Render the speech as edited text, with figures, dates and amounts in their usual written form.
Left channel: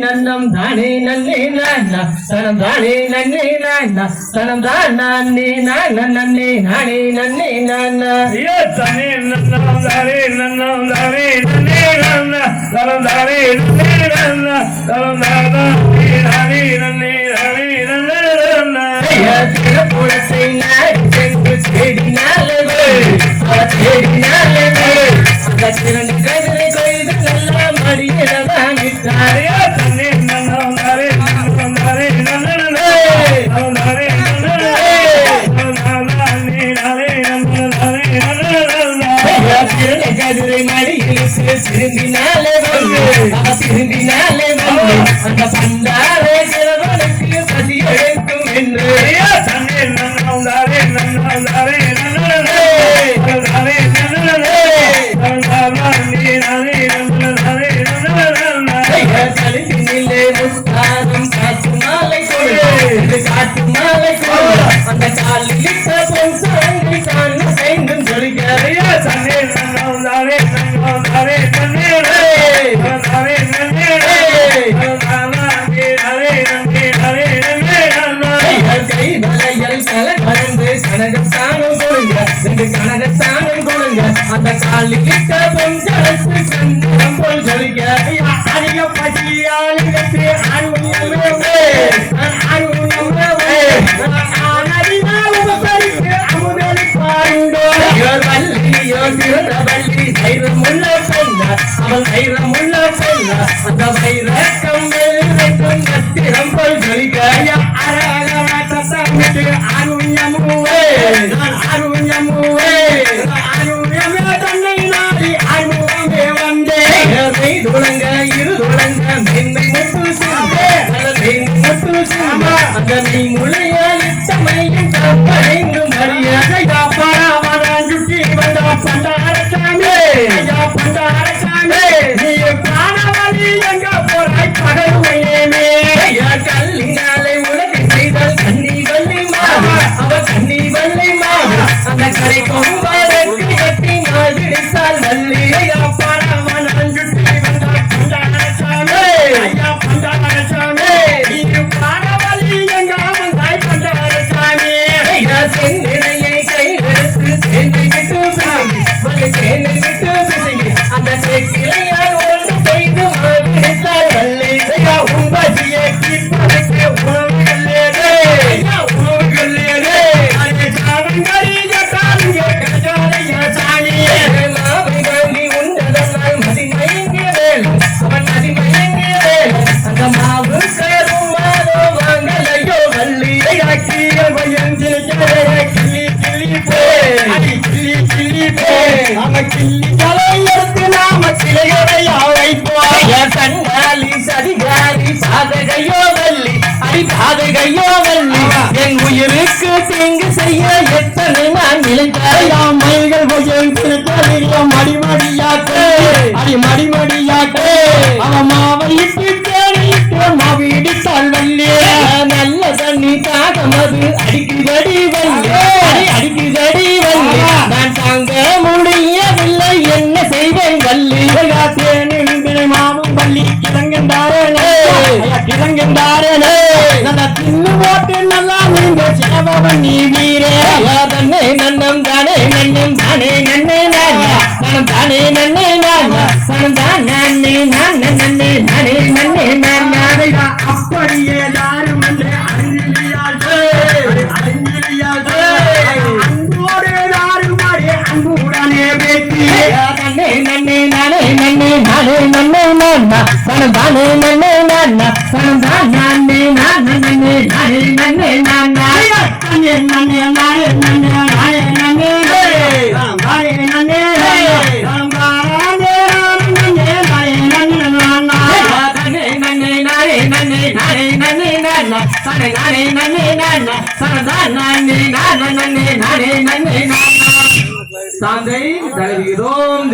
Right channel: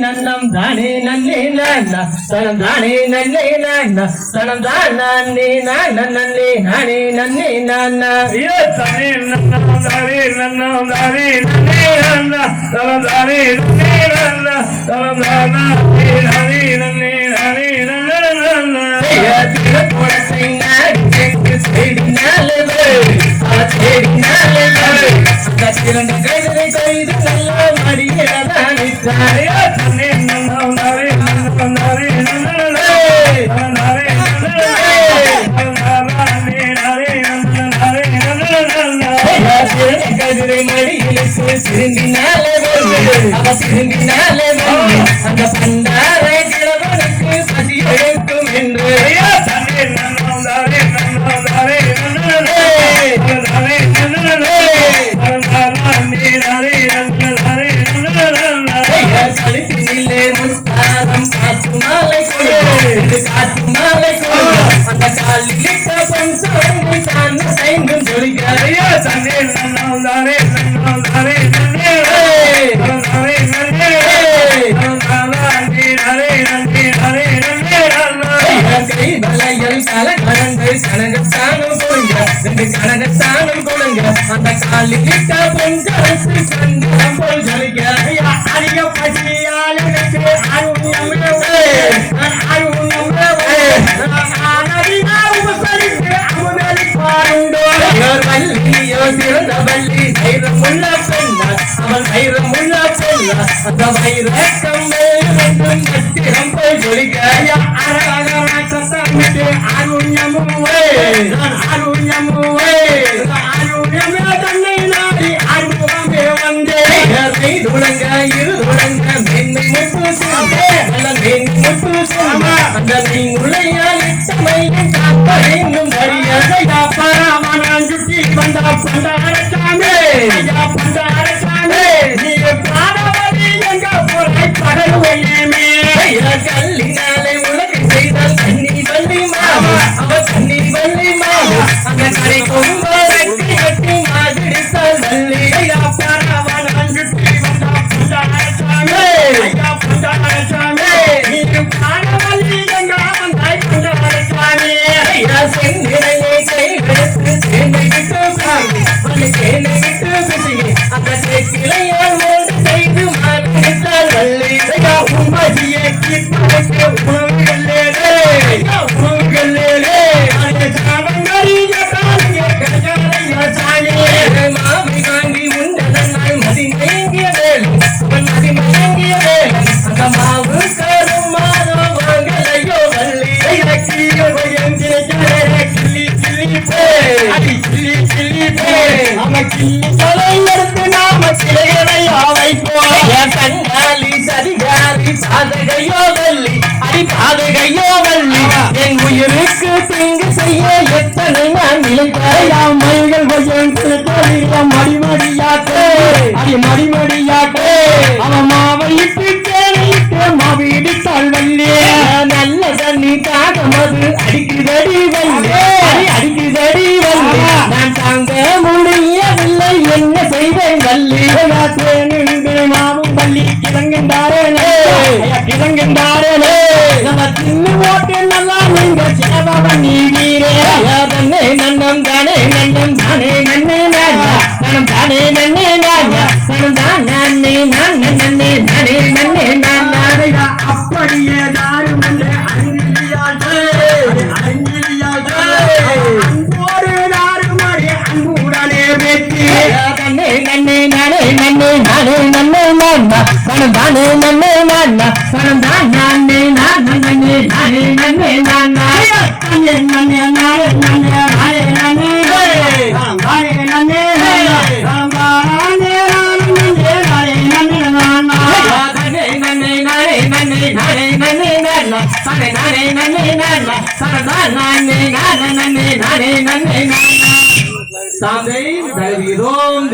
நன்னம் தானே நன்னே நன்னா தனம் தானே நன்னே நன்னா தனம் தானே நன்னே நானே நன்னே நன்னா தானே நன்னம் தானே நன்னம் தானே நன்னே நன்னா தனம் தானே நன்னே நன்னா தனம் தானே நானே நன்னே நானே நன்னா தின போலத்தை நாடி சென்று தேடினாலே தேடினாலே கத்திரன் கைதை கைது நல்ல மடியதானே தாரே தன்னே நன்னம் தானே நன்னம் தானே நன்னே தானே கதிரை மடியில் சிறுந்தினாலே சிறுந்தினாலே அந்த பண்டார கிழவனுக்கு பசி எடுக்கும் என்று தண்ணீர் நன்னம் தானே நன்னம் தானே கழுத்தினிலே முத்தாரம் காற்று மாலை காற்று மாலை அந்த காலில் பஞ்சை கண்ணு செய்தும் சொல்கிறாரையோ தண்ணீர் நன்னம் தானே நன்னம் தானே வளையல் தலை கலந்து கனகத்தானம் கொடுங்க கனகத்தானம் கொடுங்க அந்த காலிட்ட பஞ்சாசு சந்தனம் போல் சொல்லுங்க அதிக பசியாளுக்கு அருணமே சிறந்த வள்ளி தைரமுள்ள பொண்ண அவன் தைரமுள்ள பொண்ண அந்த வைர கம்மல் மற்றும் கத்திரம் போல் சொல்லிக்காயா சத்தமிட்டு அருண்யமுவே அருண்யமுவே அருண்யமே தன்னை நாடி அருவமே வந்தே துளங்க இரு துளங்க மென்மை முட்டு சுண்டே முட்டு சுண்ட அந்த மீனுடைய இச்சமையின் கப்படைங்கும் மரியாதையா பராமரான் சுட்டி வந்த பண்டாரசாமி பண்டாரசாமி நீ பாடவழி எங்க போராய் படலுவையேமே கல்லினாலே உனக்கு செய்தல் கண்ணி வள்ளி மாமா அவ கண்ணி வள்ளி மாமா அந்த கரை கொம்ப வெட்டி வெட்டி மாதிரித்தால் வள்ளி பராமரான் சுட்டி வந்த பண்டாரசாமி பண்டாரசாமி நீ பாடவழி எங்க வந்தாய் பண்டாரசாமி செந்தினையை கைவெடுத்து சேர்ந்து விட்டு வலி சேர்ந்து விட்டு பிசுகி அந்த சேக்கிளையால் ஒன்று செய்து மறுத்தால் வள்ளி உம்பதியை கீழ்ப்பதற்கு உள்களேரே உள்களேரே அது சாவங்கரிய காலிய கஜாலைய சாணி மாவை வாங்கி உண்டதனால் மதிமயங்கிய வேல் அவன் மதிமயங்கிய வேல் அந்த மாவு காரும் மாறா வாங்கலையோ வள்ளி கிளிய பயந்து கிளி கிளி பே அடி கிளி கிளி பே அவ கிளி கலையருக்கு நாம கிளைகளை அழைப்போம் கண்ணாலி சரிகாலி பாதகையோ வள்ளி அடி பாதகையோ வள்ளி என் உயிருக்கு தீங்கு செய்ய எத்தனை நான் நிலைத்தாயாம் மயில்கள் பயந்து மடிமடியாக்கே அடி மடிமடியாக்கே அவ மாவையிட்டு தேனிட்டு மாவிடித்தாள் வள்ளி நல்ல தண்ணி தாகமது அடிக்குதடி வள்ளி அடிக்குதடி வள்ளி நான் தாங்க முடியவில்லை என்ன செய்வேன் வள்ளி தேனின்று மாவும் வள்ளி கிழங்கென்றாரே கிழங்கென்றாரே நல்ல தின்னு போட்டு நல்லா நீங்க சேவவன் நீ வீரே தன்னை நன்னம் தானே நன்னம் தானே நன்னே நானா தனம் தானே நன்னே நானா தனம் தான் நன்னே நான் நன்னே நானே நன்னே நானா அப்படியே தாரும் என்று அறிந்தியாளே அறிந்தியாளே அன்போடு தாருமாறே அன்புடனே வெற்றி தன்னை நன்னே நானே நன்னே நானே நன்னே நானா தனம் தானே நன்னே நானா தனம் தான் நன்னே நான் நன்னே நானே நன்னே நானா நன்னே நன்னே நானே நன்னே நானே நன்னே நானே நன்னே சாந்தை தருகிறோம்